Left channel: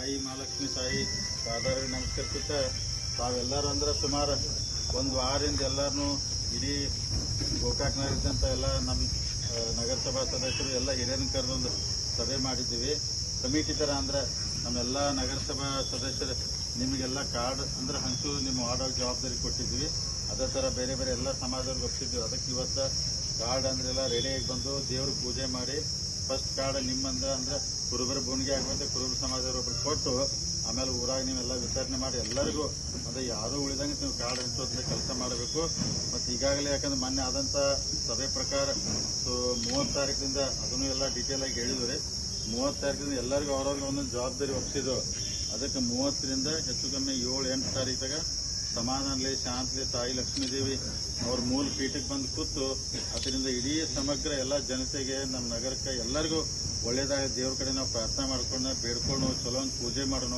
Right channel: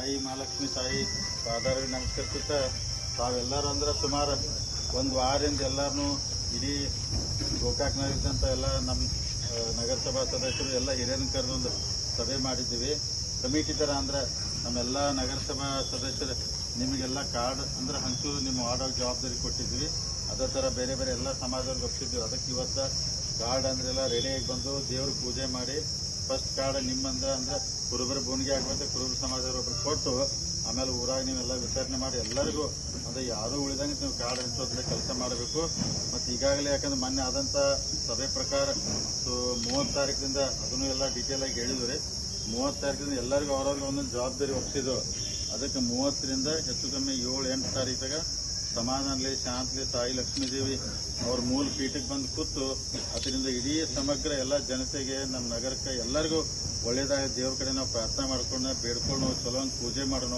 ತಾಯಿ ಮಹಾಲಕ್ಷ್ಮಿ ತಾಯಿ ಸಾಧಾರಣ ನಮಸ್ಕರಿಸುತ್ತ ತಾವೆಲ್ಲರೂ ಅಂದ್ರೆ ಸುಮಾರು ಒಂದು ವಾರದಿಂದ ಎಲ್ಲರೂ ಇಡೀ ಗೋಕಾಕ್ನಲ್ಲಿದ್ದಂಥ ಎಲ್ಲ ನಮ್ಮ ನಗರಸಭಾ ಸದಸ್ಯರು ಎಲ್ಲ ಹಿರಿಯರನ್ನು ಕರೆದೊಂದು ಸಭೆ ಮಾಡಿದ್ದೀವಿ. ಕಮಿಟಿ ಥರ ಅಂದ್ರೆ ನಮ್ಮೆಲ್ಲ ನಗರಸಭಾ ಸದಸ್ಯರು ನಿಮಗೆಲ್ಲ ಕಾರ್ಡ್ ಅಂದ್ರೆ ಹಂಚು ನಿಮ್ಮ ವಾರ್ಡ್ ಜವಾಬ್ದಾರಿ ಕೊಟ್ಟಿದ್ವಿ ಅದೇ ಥರ ಬೇರೆ ಬೇರೆ ಎಲ್ಲ ಸಮಾಜದವ್ರಿಗೆ ಒಪ್ಪಿದ್ವಿ ಅದಕ್ಕೆ ಇವತ್ತು ಕಾರ್ಡ್ ಅಂದ್ರೆಲ್ಲ ರೆಡಿಯಾಗಿ ಬಂದು ದೇವ್ರ ಪೂಜೆ ಮಾಡಿ ಫಸ್ಟ್ ಕಾರ್ಡ್ ನಿಮ್ಮಂದ್ರೆ ಅಂದ್ರೆ ಕುರುಬರ ಭೂಮಿಗೆ ಆಗುವಂತೆ ಕುರುಬರ ಸಮಾಜದವ್ರು ಒಬ್ರು ಕೊಟ್ಟು ಆಮೇಲೆ ಊರಾಗ ನೀವೆಲ್ಲ ವಿತರಣೆ ಮಾಡಿ ಎಲ್ಲರಿಗೂ ಅಂದ್ರೆ ಯಾರು ಉಳಿದಂಗೆ ನೀವು ಕಾರ್ಡ್ ಹಂಚೋದ್ರೆ ಕೆಲಸ ಮಾಡಬೇಕು. ಮತ್ತು ಈಗಾಗಲೇ ಯಾಕಂದ್ರೆ ಮೊನ್ನೆ ಆದಂಥ ಸಭೆ ಪ್ರಕಾರ ಸೊ ಮೂವತ್ತು ತಾರೀಕಿಂದ ಅದನ್ನು ಎಲ್ಲ ಡೀಟೇಲ್ ಆಗಿ ಹೇಳಿದ್ರಿ ಮೂವತ್ತು ತಾರೀಕಿಂದ ಎಲ್ಲರಿಗೂ ಅವ್ರವ್ರಿಗೆ ಒಂದೊಂದು ಜವಾಬ್ದಾರಿ ಒಪ್ಪಿಸಿದ್ರು ಅದಕ್ಕೆ ಮೂವತ್ತರಿಂದ ಹೆಚ್ಚು ಕಮ್ಮಿ ಏಳು ಎಂಟು ತಾರೀಕಾಗ ಸಮಾಧಾನಲೆ ಶಾಂತಲಿ ತಾಯಿ ಲಕ್ಷ್ಮೀದೇವಿ ಅವ್ರ ಮೂಲ ಪೀಠಕ್ಕೆ ಬಂದು ಕೂತು ಅದರಿಂದ ಇಡೀ ಸಮಗ್ರ ಎಲ್ಲ ಜನತೆಗೆ ನಮ್ಮ ನಗರಕ್ಕೆ ಎಲ್ಲರಿಗೂ ಒಳ್ಳೇದಾಗ ದೇವ್ರ ಕಡೆ ನಾವು ಪ್ರಾರ್ಥನೆ ಮಾಡ್ಕೊಂಡು ಬೇಡ್ಕೊಂಡು ಚಲೋ ಒಂದು ಪೂಜೆ ಮಾಡೋಣ,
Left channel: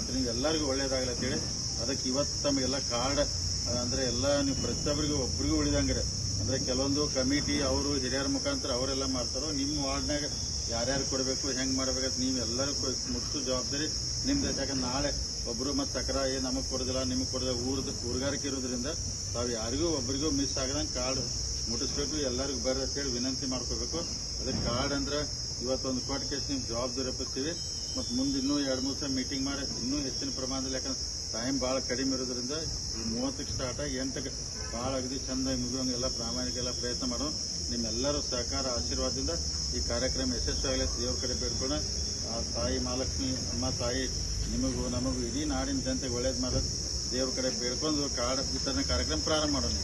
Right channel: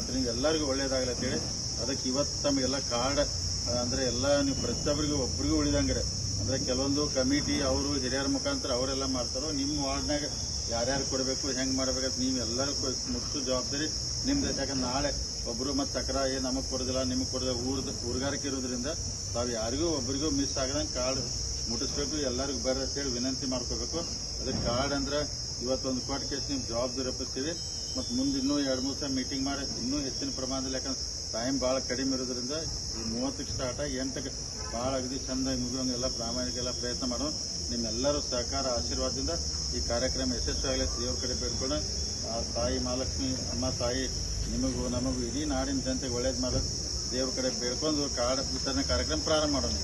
ಅದರಿಂದ ಎಲ್ಲರಿಗೂ ಒಳ್ಳೇದಾಗಲ್ಲ ಅಂತೇಳಿ ಅದಕ್ಕೆ ಇವತ್ತು ತಮಗೆಲ್ಲ ಕಾರ್ಡ್, ಅಂದರೆ ಎಲ್ಲ ನೀವು ಪ್ರತಿಯೊಬ್ಬರಿಗೂ ಒಬ್ಬರಿಗೂ ಉಳಿದಂಗ್ರೆ ಅಂದ್ರೆ ಕೆಲವೊಂದು ಕಮಿಟಿ ಅವರು, ಹಿರಿಯರ ಮುಖಾಂತರ ಅವರೆಲ್ಲ ಮಾಡ್ತಾರೋ, ನಿಮ್ಮ ವಾರ್ಡ್ನಾಗ ಯಾರ್ಯಾರು ಕೊಡಬೇಕು, ಹೆಂಗ್ ಮಾಡ್ಬೇಕಂತ ನೀವು ಎಲ್ಲರೂ ಮುಟ್ಟು ಜವಾಬ್ದಾರಿ ನಿಮ್ದು. ಯಾಕಂದ್ರೆ ನಾಳೆ ಒಬ್ರು ಮತ್ತೆ ತಕರ ಏನು ನಮಗ್ ಕೊಡೋದಿಲ್ಲ, ನಿಮಗ್ ಕೊಡೋದಿಲ್ಲ, ಊರ್ದ ಊರ್ಗಾರಿಕೆ ಇರೋದ್ರಿಂದ ತಾವು ಯಾರಿಗೂ ಒಬ್ರಿಗೂ ಮಿಸ್ ಆಗದಂಗೆ ಕಾರ್ಡ್ ಮುಟ್ಟಿಸ್ಬೇಕು ಎಲ್ಲರಿಗೂ ಬರ್ರಿ ಅಂತೇಳಿ ವಿನಂತಿ ಮಾಡ್ಕೋಬೇಕು. ಅದಕ್ಕೆ ಕಾರ್ಡ್ ಅಂದ್ರೆ ಇವತ್ತೊಂದು ಕೋಟ್ ಕೇಸ್ ನಿಮ್ಮ ಜವಾಬ್ದಾರಿ ಒಪ್ಪಿಸ್ತೀವಿ. ಮತ್ತು ಮುಂದೆ ಇನ್ನೂ ಎರಡು, ಮೂರು ಸಲ ಮೀಟಿಂಗ್ ಮಾಡಿ, ಇನ್ನೂ ಹೆಚ್ಚಿನ ಪ್ರಮಾಣದಲ್ಲಿ ಯಾಕಂದ್ರೆ ಟೈಮ್ ಭಾಳ ಕಡಿಮೆ ಇರೋದ್ರಿಂದ ಈ ಮೂವತ್ತಕ್ಕೆ ಸ್ಟಾರ್ಟ್ ಆಗಿ ಎಂಟಕ್ಕೆ ಭಾಳ ಅಗದಿ ಚಂದ ಮುಗಿಯೋಂಗೆ ಎಲ್ಲ ಪ್ರಾಮಾಣಿಕ ಎಲ್ಲ ಪ್ರಯತ್ನ ಮಾಡೋ ನಿಮ್ಮೆಲ್ಲರೂ ಸಹಕಾರ, ಆಶೀರ್ವಾದದಿಂದ ಈ ಕಾರ್ಯಕ್ರಮ ಯಶಸ್ವಿಯಾಗಲಿ ದೇವ್ರ ಕಡೆ ಬೇಡ್ಕೊಂಡು ಆ ತಾಯಿ ಮಹಾಲಕ್ಷ್ಮಿ, ಅಮ್ಮ, ತಾಯಿ, ನಿಮಗೂ ನಮಗೂ ಇಡೀ ನಾಡಿನ ಜನತೆಗೆ ಒಳ್ಳೇದು ಮಾಡೋದು ದೇವ್ರ ಕಡೆ ಬೇಡ್ಕೊಂಡು ಕಾರ್ಡ್ ವಿತರಣೆ ಕಾರ್ಯಕ್ರಮ ಪ್ರಾರಂಭ ಮಾಡೋಣ.